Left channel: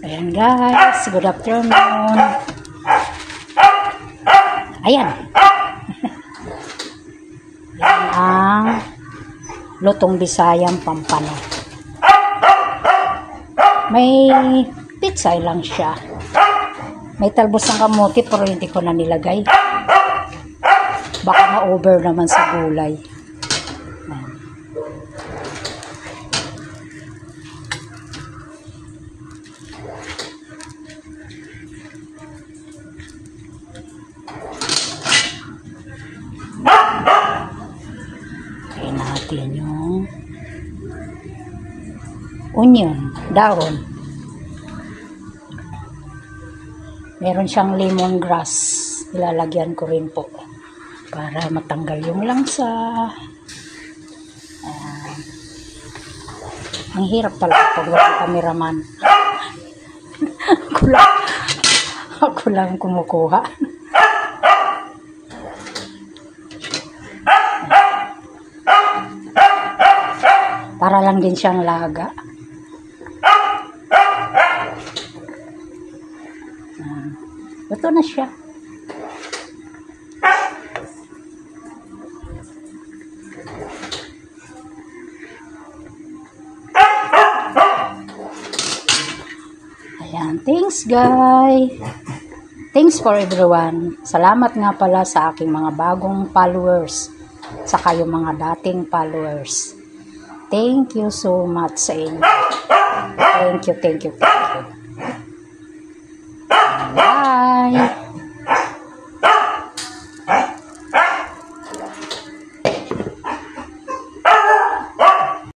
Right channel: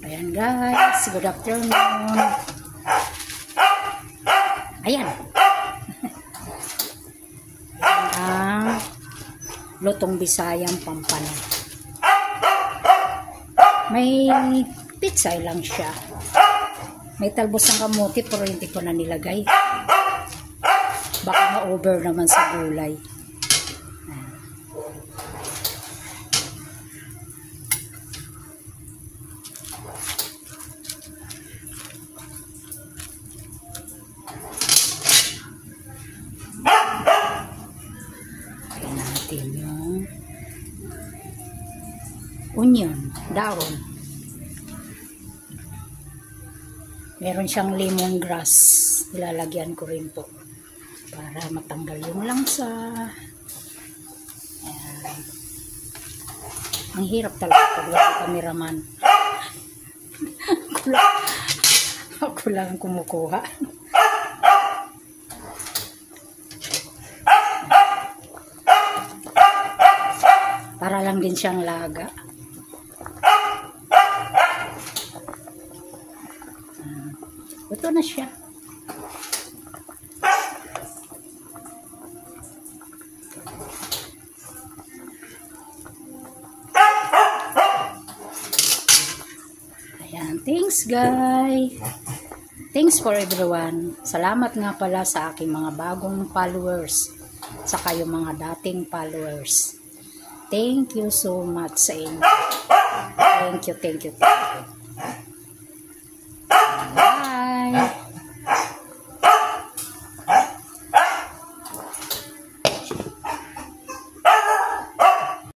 Ayan guys, good afternoon. Ayan. Yan ang lutong Bisayang Pampano. May pizza lang siya. May talbos ng kamote pero hindi ko na nilagay. Baka ma-over naman sa gulay. Ayan. Kain natin yung onion, dahon. Meron siyang lemongrass. Ilalagyan ko rin po para matanggal yung langsa. Ayan. Ang hirap talaga pag walang cameraman. Ako lang kumukuha. Para lang din siyang laga. Ito na siya. Ayan, thanks guys. Thanks for everyone. Salamat nga pala sa aking mga bagong followers. Saka yung mga dating followers. Thank you so much sa inyo. Thank you, thank you, thank you.